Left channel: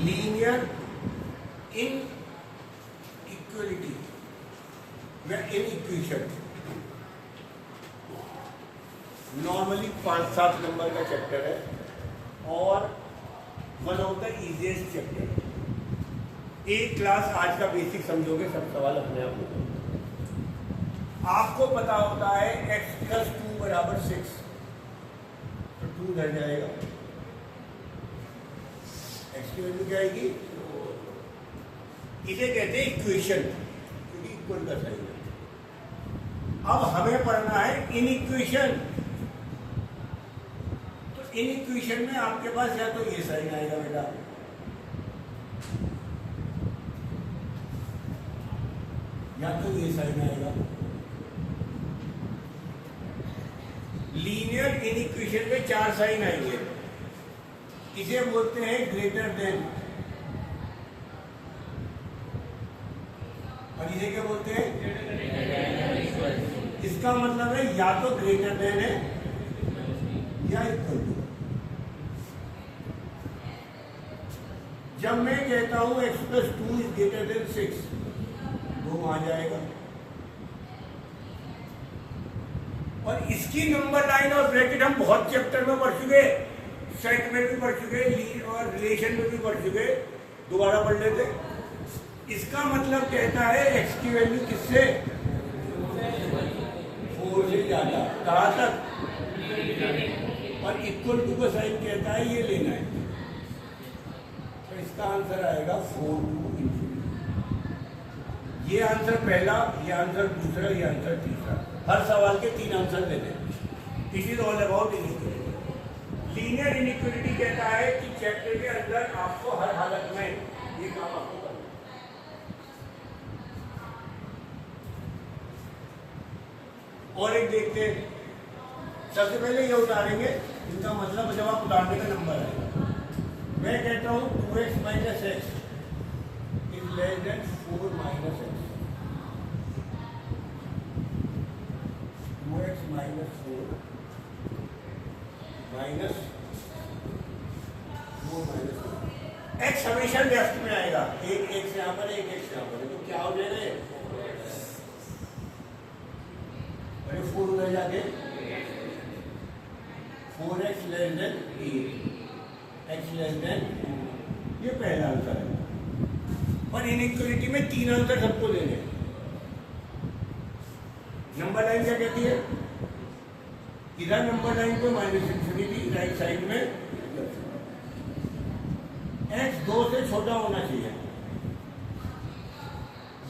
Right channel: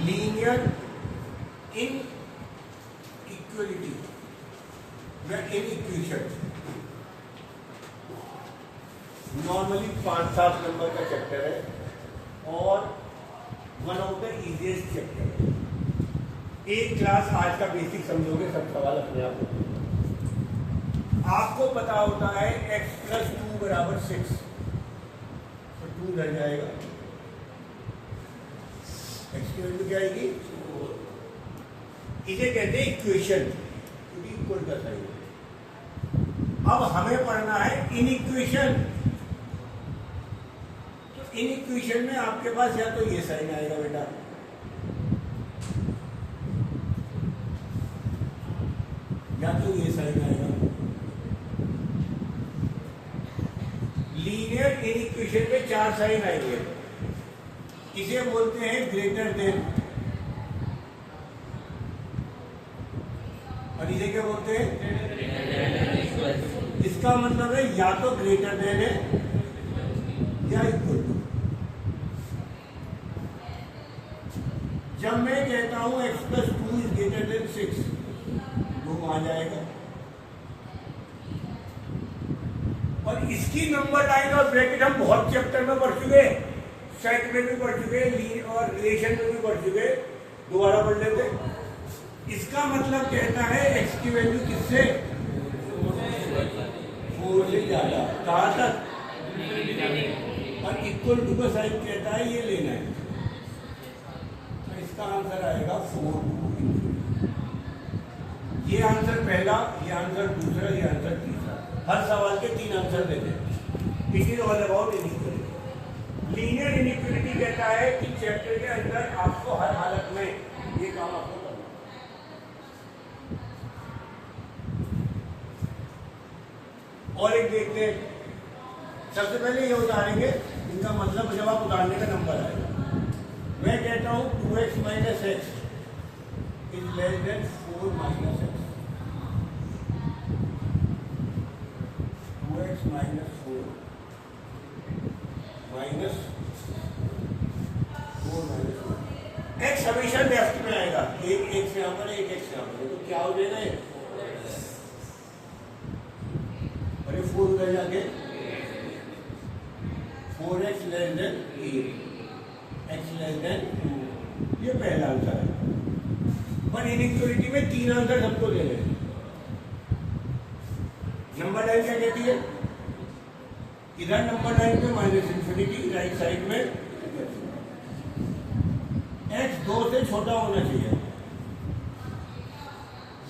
Linear इन equality व in equation normally 5-7 number का chapter है और one of the easiest chapter. एक क्लास आज का बेसिक समझोगे, सब सवाल अपने आप होंगे। आपको पता होता है x + 2 = 6, तो 2 उधर जाएगा, x की वैल्यू क्या आएगी? इसे कहते हैं इक्वेशन, क्योंकि इक्वल का साइन है। अब हमें पढ़ना है इन इक्वेशन। तो इन इक्वेशन में आपके पास या तो ये साइन आएगा बेटा, या तो ये साइन आएगा। लीनियर इन इक्वेशन में 4 साइन आएंगे। इसे बोलते हैं ग्रेटर देन, और इसे क्या बोलते हैं? इसका मतलब है या तो ग्रेटर देन है या इक्वल टू। जब मैं कहता हूं x + 2 = 6, 2 आ जाएगा। और इसकी नंबर लाइन और ब्रैकेट हम बहुत चैप्टर में पढ़ चुके, सेट में भी पढ़ चुके और रिलेशन में भी पढ़ चुके, दोबारा पढ़ लेते। इसका मतलब कहता है x की वैल्यू किससे? 4 से ज्यादा, कहां तक? और इक्वल टू का साइन कहता है ये लेना है, तो इसका आंसर आएगा 4 to ∞। ये आंसर पहला, ये आंसर दूसरा, ये आंसर तीसरा। हर सवाल के 3 आंसर देते हैं। It is all about inequality. Linear inequality कहता है कि चैप्टर के अंदर आपको हर हालत में ये काम आपको करना। और एक देखते हैं, सबसे पहले ये उतारेंगे, इनका मतलब जब आप उतारने का नंबर है। मैं कहता हूं 2x - x = 4 - x। 2x - 4 - x हमेशा लेफ्ट में आएगा, एक से यहां पर, एक से यहां पर, तो क्या हो जाएगा? अरे 4 उधर जाके 4x <8, x <2। ये पहला आंसर है। और इनइक्वालिटी में 3 आंसर सबको देने हैं। नंबर लाइन क्या कहती है? इधर नंबर लाइन को -∞, राइट साइड में x 2 से छोटा होना चाहिए।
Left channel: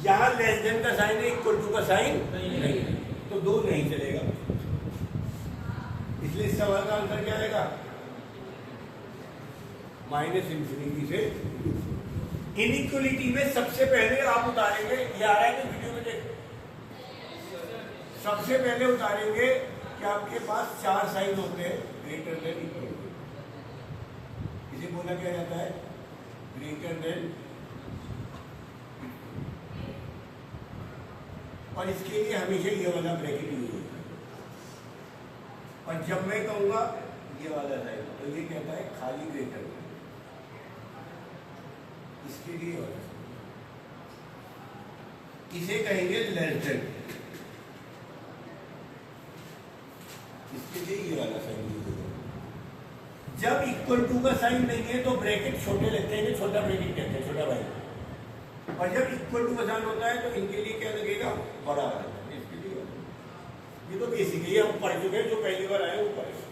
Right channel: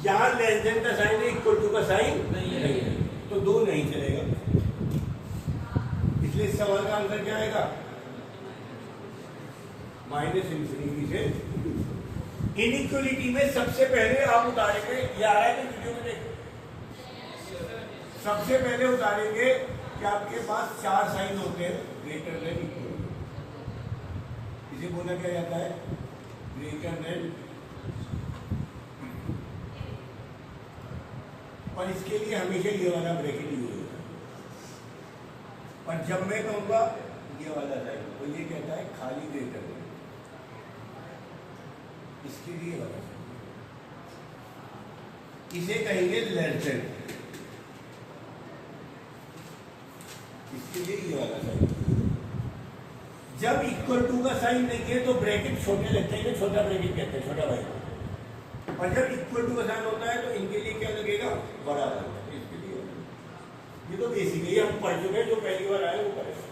यहां लेस देन का साइन है, इक्वल टू का साइन नहीं है, तो 2 नहीं चलेगा। इसलिए इस सवाल का आंसर क्या आएगा? -∞ से 2। इनइक्वालिटी में सबसे पहले आप उतारेंगे, ये आ रहा है तो वीडियो में देख, सबसे पहले उतारेंगे कि आपके पास 4 साइन होते हैं ग्रेटर देन इक्वल। इसे बोला क्या जाता है? Greater than. और इसके लिए हमेशा ये वाला ब्रैकेट यूज होगा। और जब मैं कहूंगा ये वाला साइन, तो ये कहता है खाली ग्रेटर देन। इसके लिए वाला इसे कहेंगे लेस देन। इसके लिए ये वाला साइन। जब इक्वल टू का साइन नहीं है तो ब्रैकेट छोटे लेते हैं, छोटा ब्रैकेट कहते हैं, छोटा भाई। और जब इक्वल टू का साइन होता है तो इनके लिए क्या लगेगा? बड़ा लगेगा। इसके लिए ये तो बेसिकली हम पढ़ चुके हैं, जो पहली बार आया वो पढ़ेगा।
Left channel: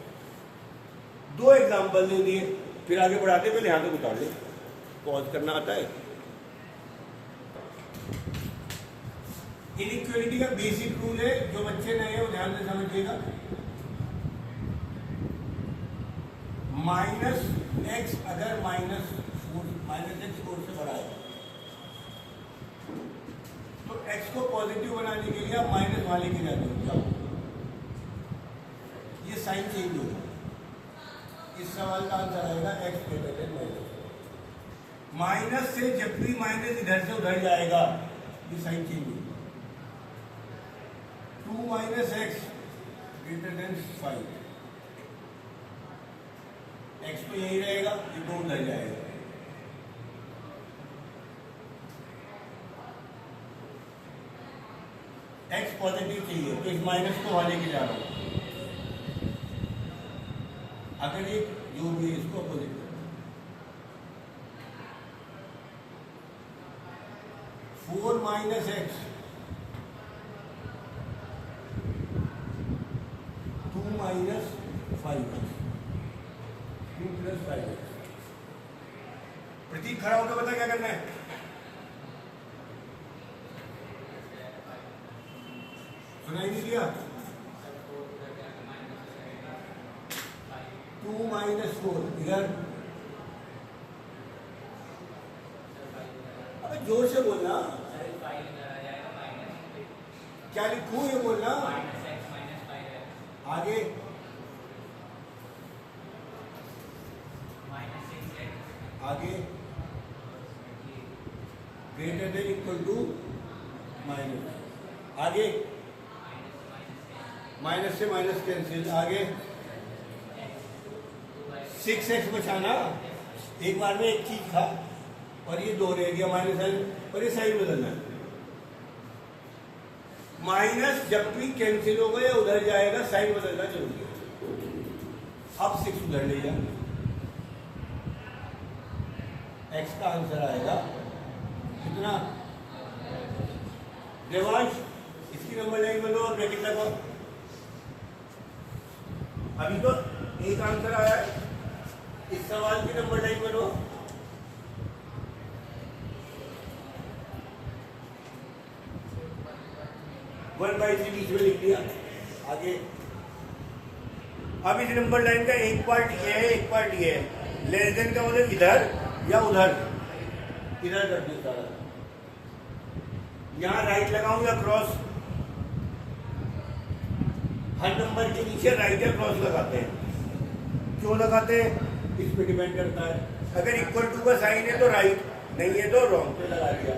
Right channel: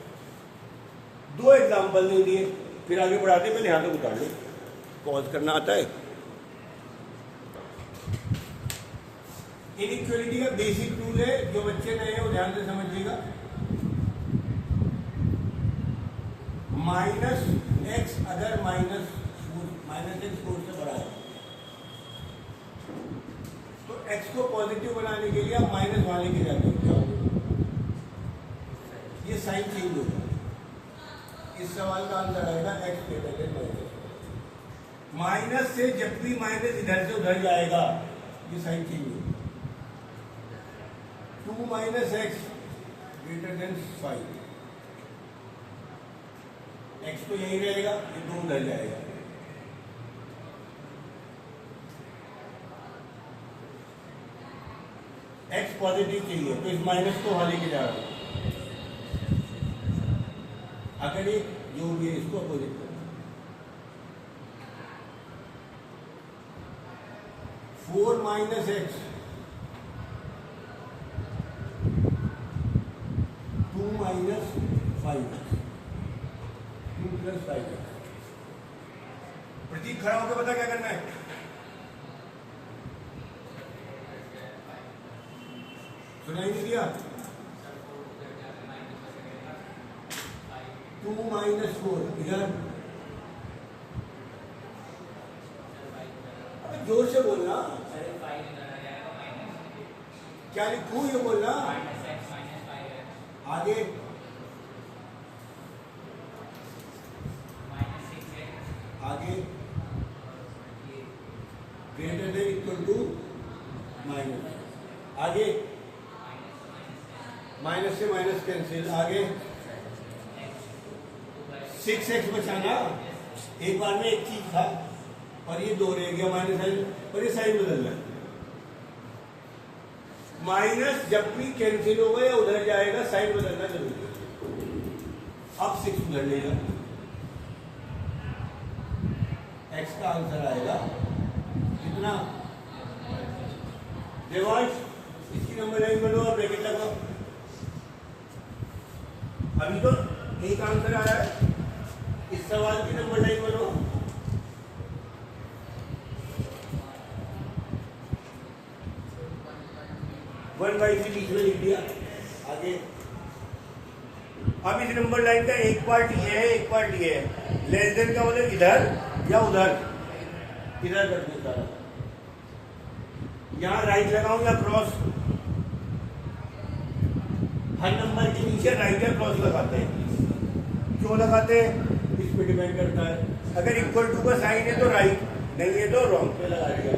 2 एग्जाम्पल दे दिए, फिर आगे बढ़ाते, पहले यहां तक उतार लो, पॉज करना आता है। इनइक्वालिटी का बेसिक रूल है, जो बच्चे नए हैं वो ध्यान से समझिएगा। -x अगर -x 4 से बड़ा है तो x को पॉजिटिव बनाने के लिए आप माइनस वाले के जाते हो, ये साइन चेंज होगा। इस सवाल का आंसर आएगा x ग्रेटर देन माइनस से जब भी माइनस इधर से उधर जाएगा ये साइन चेंज होगा। 2 - x ग्रेटर देन 5, x तो यही रहेगा, ये 2 उधर जाएगा। एक्स पॉजिटिव चाहिए तो इस माइनस को वहां लेके जा रहा हूं। अगर ये जो भी है इसको अपोजिट करो, 4 minus x 2 minus 5x 2 plus 5x। प्रतीक खड़ा होकर बता क्या करना है। सुनाई नहीं दिया। 2 माइनस 4 इधर, अबे जोर से बोलना, क्या लिखूं ये बोलना। आगे आगे greater than equal to minus, आगे माइनस से माइनस कैंसिल, आगे 6x बचाना। एक बार में एक चीज था और ये 2 रह गया माइनस साइन, और ये साइन बदलना है। माइनस जब भी कैंसिल होगा या उधर जाएगा साइन बदलना जरूरी है। अब 6 उधर ले जा, x का आंसर आएगा कितना। देवांश इसकी नंबर लाइन बनो और ब्रैकेट लगाओ। अभी तो एक आंसर आया है, इस सवाल की नंबर लाइन बनो। वन बाई 3 बीच में लिख दिया। आगे अब इस नंबर लाइन का एक पार्ट ये है, एक पार्ट ये है। लेस देन का मतलब इधर या उधर, इधर कर दूं सारा। यहां राइट लगाऊं या क्रॉस, हर नंबर के नीचे राइट या क्रॉस लगाते हैं। क्यों लगाते हैं इस पे डिपेंड करता है। अगर इक्वल टू का साइन है तो राइट, नहीं है तो रॉन्ग पे लगा दिया।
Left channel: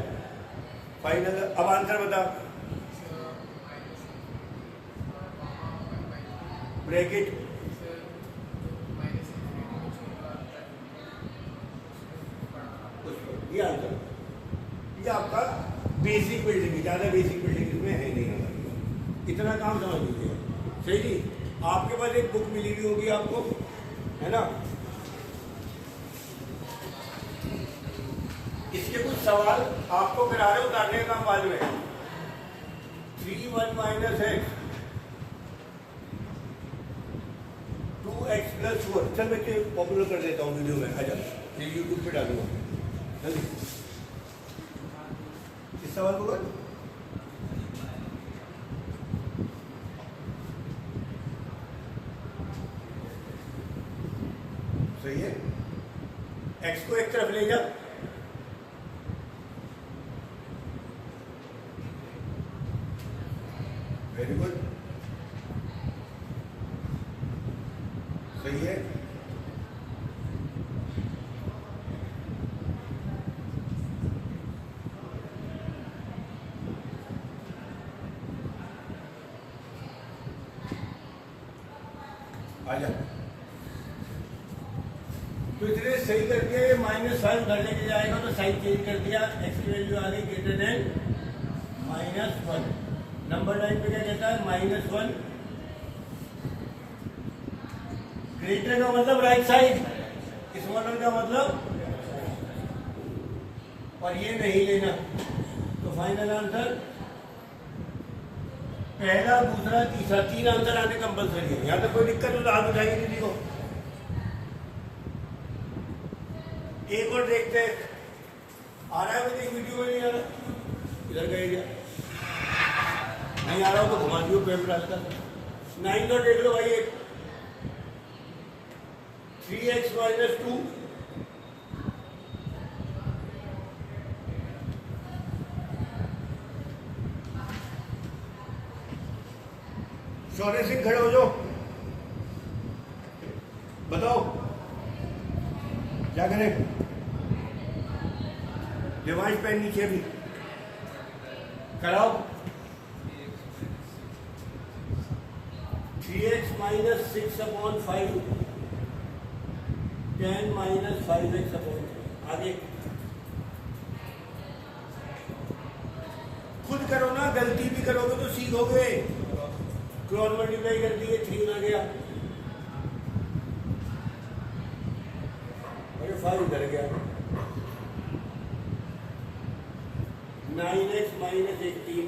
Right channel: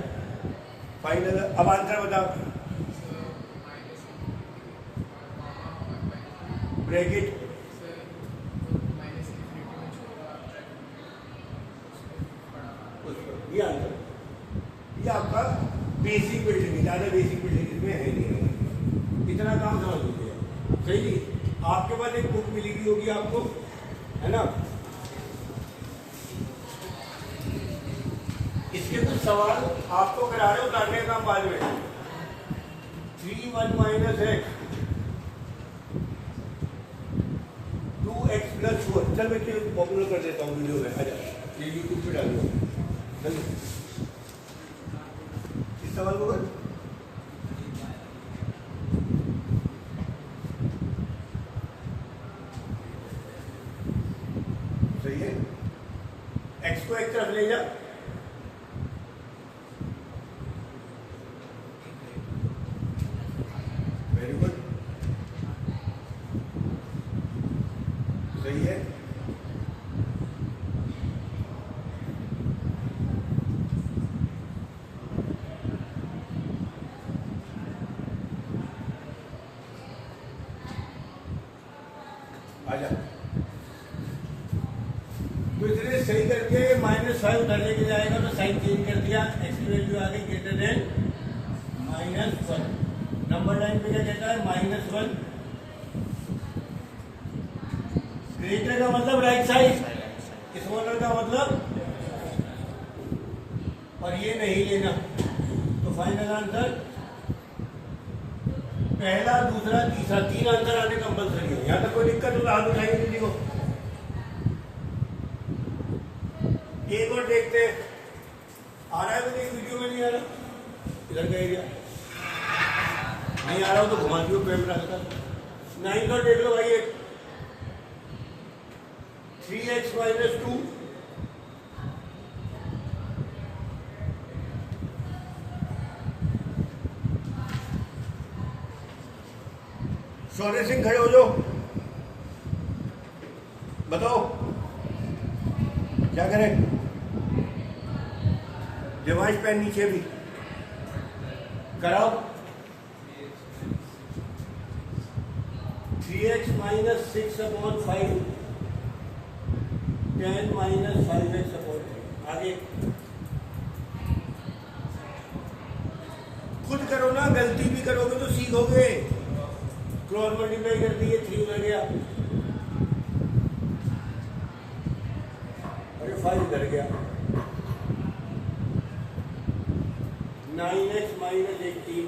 फाइनल। अब आंसर बताओ। ब्रैकेट ये आंसर, ये आपका बेसिक बिल्डिंग, ज्यादा बेसिक बिल्डिंग इसमें है नहीं। इतना काम समझ लीजिए। सही जी। आपके पास एक बुक मिली हुई होगी आपको, है ना। इसके कुछ सवाल आपको करा रहे उतारने का काम बाद में। 3 1 माइनस एक्स 2x प्लस 4। चल मैं पॉपुलर कर देता हूँ वीडियो में। अच्छा ये यूट्यूब पे डालूंगा। इस सवाल को सही है। x को एक तरफ ले जा, वेरी गुड, सही है। आजा। तो इतने सही करके -5 उधर लेके जाएगा तो साइन चेंज कर दिया, एक्स की वैल्यू आ गई ग्रेटर देन -1। नंबर लाइन पे क्या कहता है -1। ग्रेटर का मतलब राइट साइड, स्मॉलर का मतलब, और ये नहीं लेना। तो फाइनल आंसर पहला, दूसरा, तीसरा, 3 आंसर आने कंपल्सरी है। यहाँ तक कोई दिक्कत है तो हाथ उठाएंगे किसी को। एक और देखते हैं, आ रहा है मुझे वीडियो में, नहीं आ रहा, इधर गए क्या, नहीं आ रहा हो तो घुमा दियो कैमरा का। 9 और देख लो भाई। 3x माइनस 2 शौर्य सिंह खड़े हो जाओ, बताओ क्या करें। डिवाइस पेन नीचे भी कराओ। 3x minus 6/5 10 minus 5x/3। आगे खुद करो ना, गलती भी करोगे तो सीखोगे। क्रॉस मल्टीप्लाई कर दिए, 3 में गया और ये 5 इधर गया। 9x माइनस 18,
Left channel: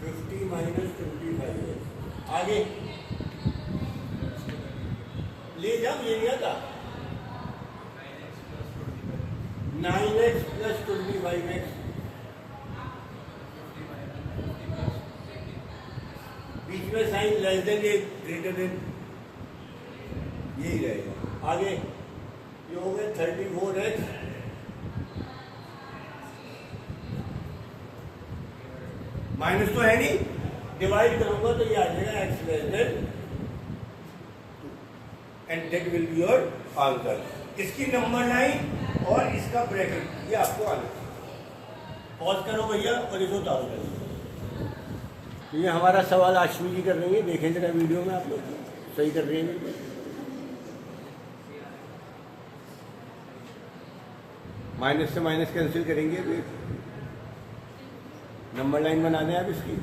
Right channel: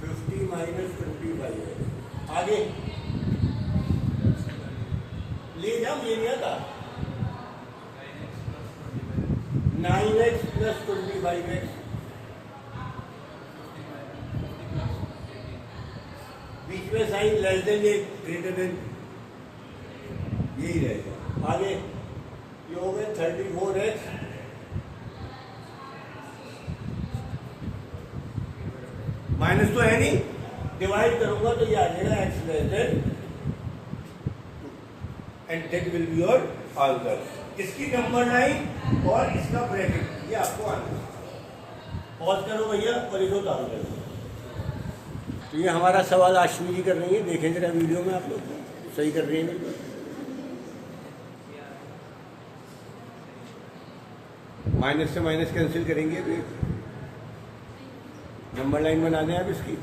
50 माइनस 25 है। आगे ले जाओ, ये नहीं आता। 9x प्लस 25x, बीच में साइन लेस देन ये ग्रेटर देन, यही रहेगा। आगे ये हो गए 34x माइनस तो है नहीं, डिवाइड करूंगा तो ये आ जाएगा x less than, and that will be your answer. इसकी नंबर लाइन और इसका ब्रैकेट ये आपको आना है। पॉज करो भैया और इसको चालू करो। तो ये हमारा सवाल आश्वी जी कर रही है, देखें जरा वीडियो में, आप लोग सही कर रही है बिल्कुल। माइनस से माइनस कैंसिल करेंगे अभी, नंबर लाइन बना दें आप इसकी।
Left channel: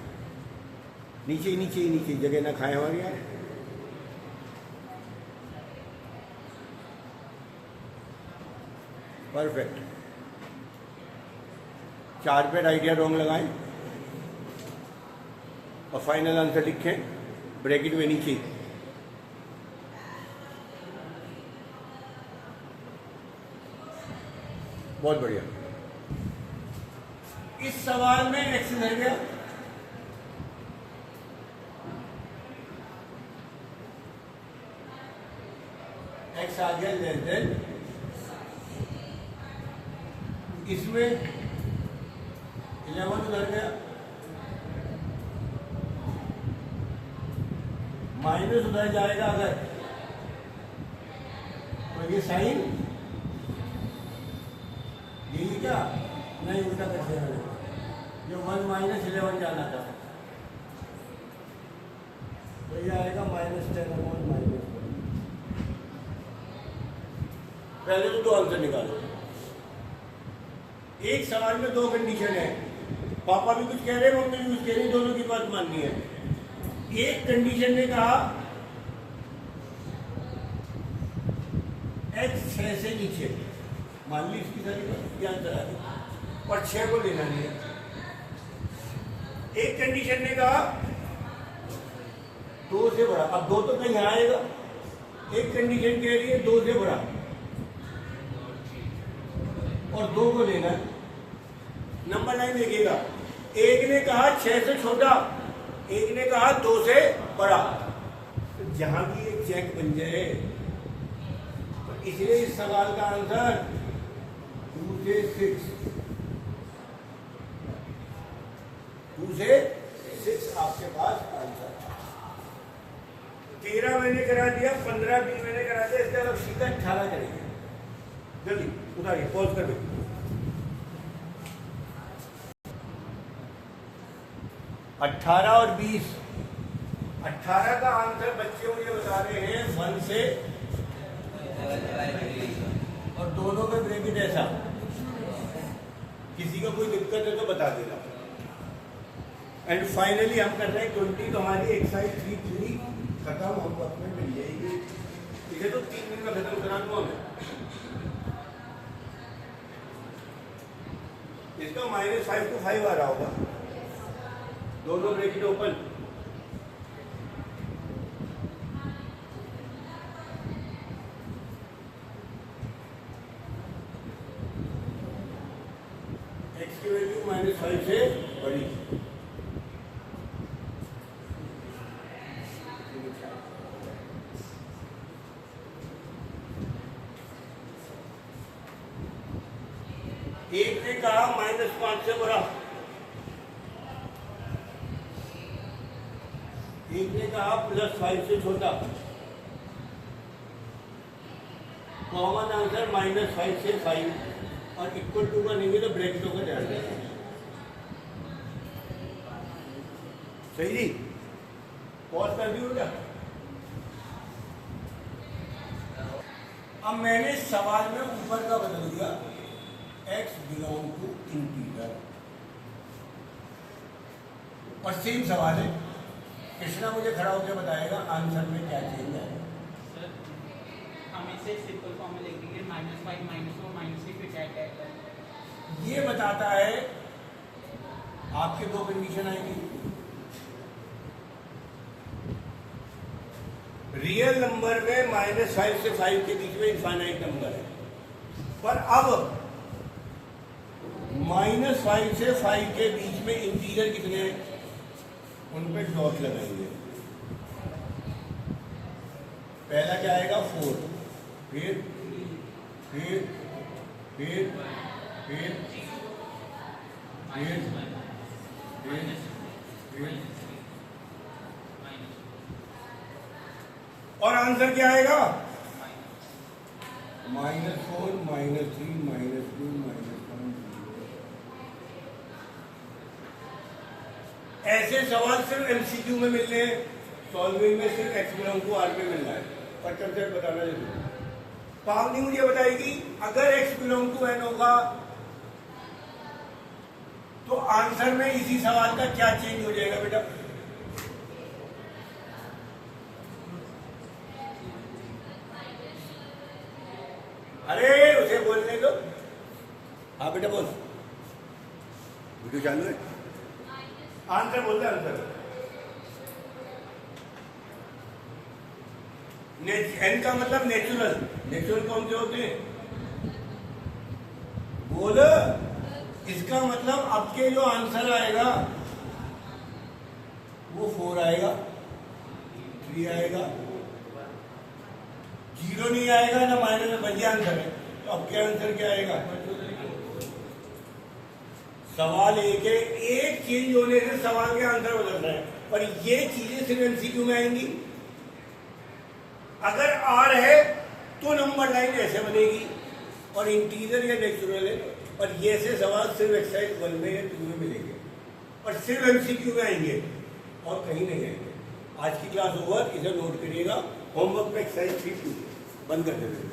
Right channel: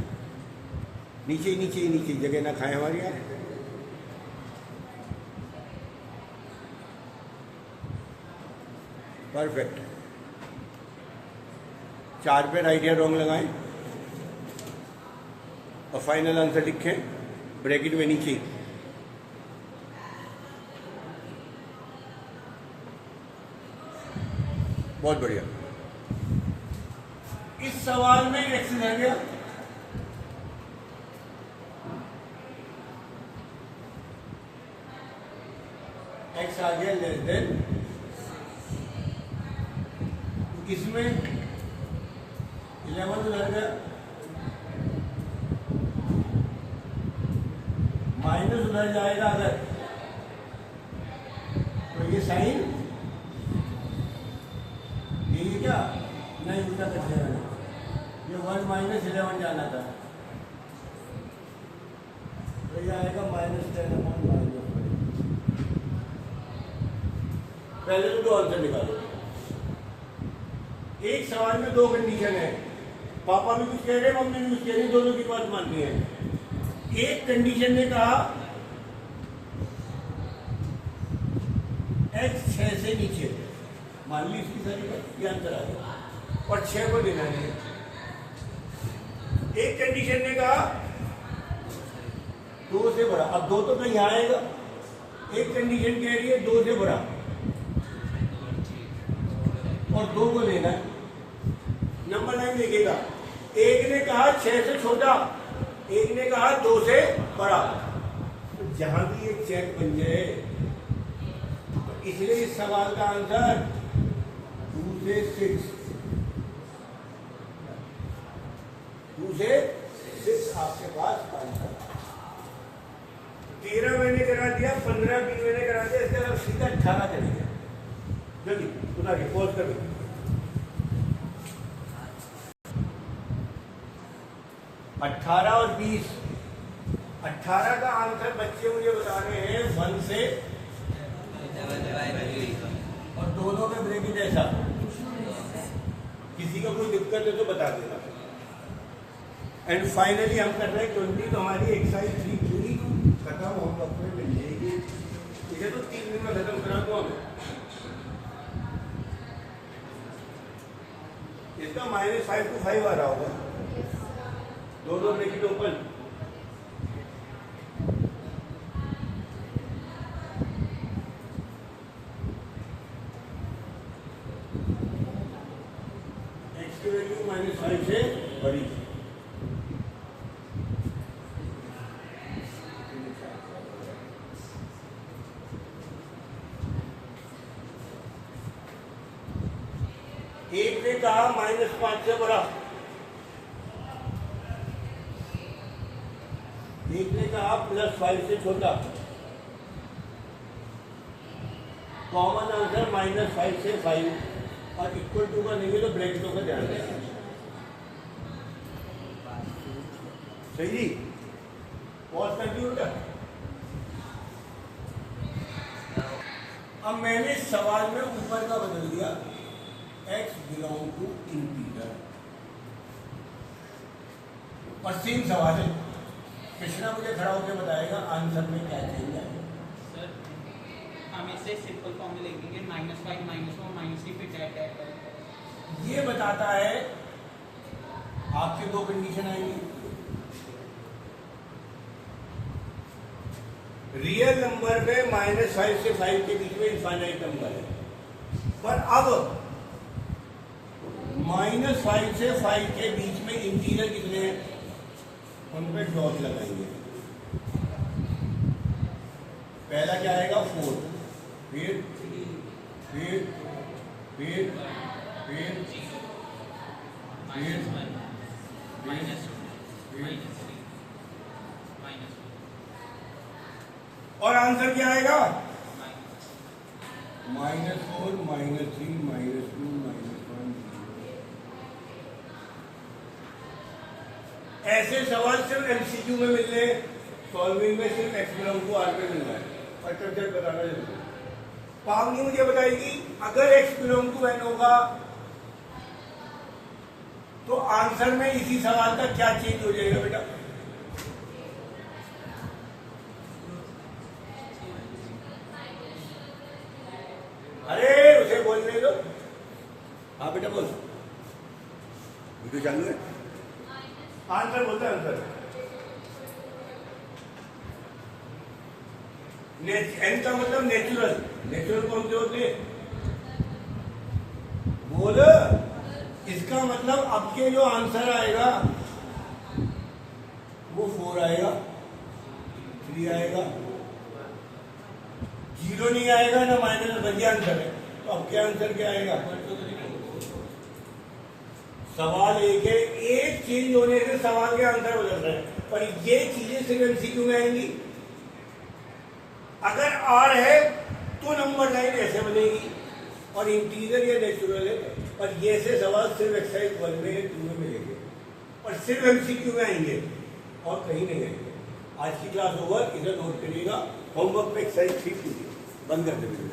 नीचे नीचे नीचे जगह ना खाए हमारी यार। परफेक्ट। 4 पे राइट या रॉन्ग लगाएं और फाइनल आंसर लिखें ब्रैकेट में नीचे। बहुत बढ़िया। इस सवाल में एक्स रह गया, एक्स आ गया लेस देन, इसमें 11 उधर गया, माइनस उधर जाएगा अगर, तो ये साइन यही क्या नहीं उल्टा कर दिया मैंने, ये 1 माइनस 11 जाना था, तो ये आएगा -10/-। पहले तो 2 आंसर निकालो। एक सवाल में 2 कंडीशन है, पापा भी कुछ कह रहे हैं, मम्मी भी कुछ कह रही है, दोनों की बात माननी है। एक कंडीशन ने कहा x 6 से नीचे, मान ली इसकी सारी बात, ये आंसर आ गया, और 6 को देना नहीं है। एक कंडीशन ने कहा 2 से बड़ा, अब 2 तो कहीं आएगा, एक कंडीशन कह रही है 2 से बड़ा और 2 को लेना है। नंबर लाइन देखिएगा, एक ने कहा 6 से छोटा, एक ने कहा 2 से बड़ा, तो जहां भी एक चेक बन जाए, तो इसलिए इस सवाल का आंसर 2 से 6, 2 से 6 आपके पास आंसर। 13 मैंने करा दिया, 15 भी मैंने करा दिया, इसके बाद सीधा 18 करेंगे। जल्दी उतारिए, पॉज कर दीजिए। 18 और 20, 18 का आंसर बच्चे मुझे बता रहे हैं 1 से, और दोनों में ब्रैकेट ऐसा। किसी का कोई दिक्कत है तो बता देना। एंड फाइनली हम कर रहे हैं 20, तो हमारी एक्सरसाइज 3 पूरी खत्म, हम वक्त में मिल जाएगी। इसे तो 3 दिन में खत्म करा दो हमें। इसका -5 to 5 आ रहा होगा, दोनों ब्रैकेट ओपन। x की वैल्यू -5 से बड़ी, एक ने कहा -5 से बड़ा, एक ने कहा +5 से छोटा। कॉमन आंसर -5 से 5, और इक्वल टू का नहीं है तो ब्रैकेटों का ध्यान देना। सही जी, पॉज कर दी बेटा। अब मैंने सवाल में ऊपर का बदल दिया, x बिलोंग टू इंटीजर, और सेम सवाल है, कृष्णा मुझे खड़ा होकर बताएगा आंसर में क्या चेंज है। सर हम इसे सिंपल फॉर्म में लिखेंगे -5 -1 -3 फिर ये बताता है आपके दो कंडीशन आएंगी, रियल नंबर पे -5 से 5 के बीच में इनफाइनाइट नंबर है, पर अब -5 से 5 के बीच में इंटीजर कितने हैं, उन पे डॉट लगाएंगे। पहला क्या आएगा 4, फिर और आंसर क्या आएगा -4 -3 -2 -1। ऐसे सवाल सिर्फ एमसीक्यू में मिल रहे हैं, सॉल्विंग में सिर्फ एक्स को आर पे मिल रहा है। पर बताना जरूरी है। पावनी मुझे बताएगी अगर x बिलोंग टू n होगा तो आंसर में इसी सवाल का क्या चेंज हो जाएगा बेटा? अरे उसे बोलने दो। हाँ बेटा बोल, वीडियो चालू है। आंसर बोलते आंसर एन का मतलब नेचुरल, नेचुरल कौन से होते हैं? बोल, इसका मतलब आपके जो आंसर आएगा वो 4 आएगा, 3 आएगा, 0 नहीं आएगा ना माइनस, बढ़िया आंसर है। तो अब क्या आंसर क्या आएगा? सवाल एक है, एक चेंज होने से सवाल के आंसर बदल रहे हैं, पर ये चीजें सिर्फ एमसीक्यू में आएंगी। अगर आर है तो नंबर लाइन ऐसे बनेगी और इंटीजर या नेचुरल है, और ये से सवाल सिर्फ एक्सरसाइज 1 में 2 में मिलेंगे और सिर्फ एमसीक्यू में आएंगे और कहीं नहीं आएंगे। आज की क्लास ओवर, इधर नोट करिएगा, होमवर्क पे एक्सरसाइज 3 कीजिए, बंद कर देंगे।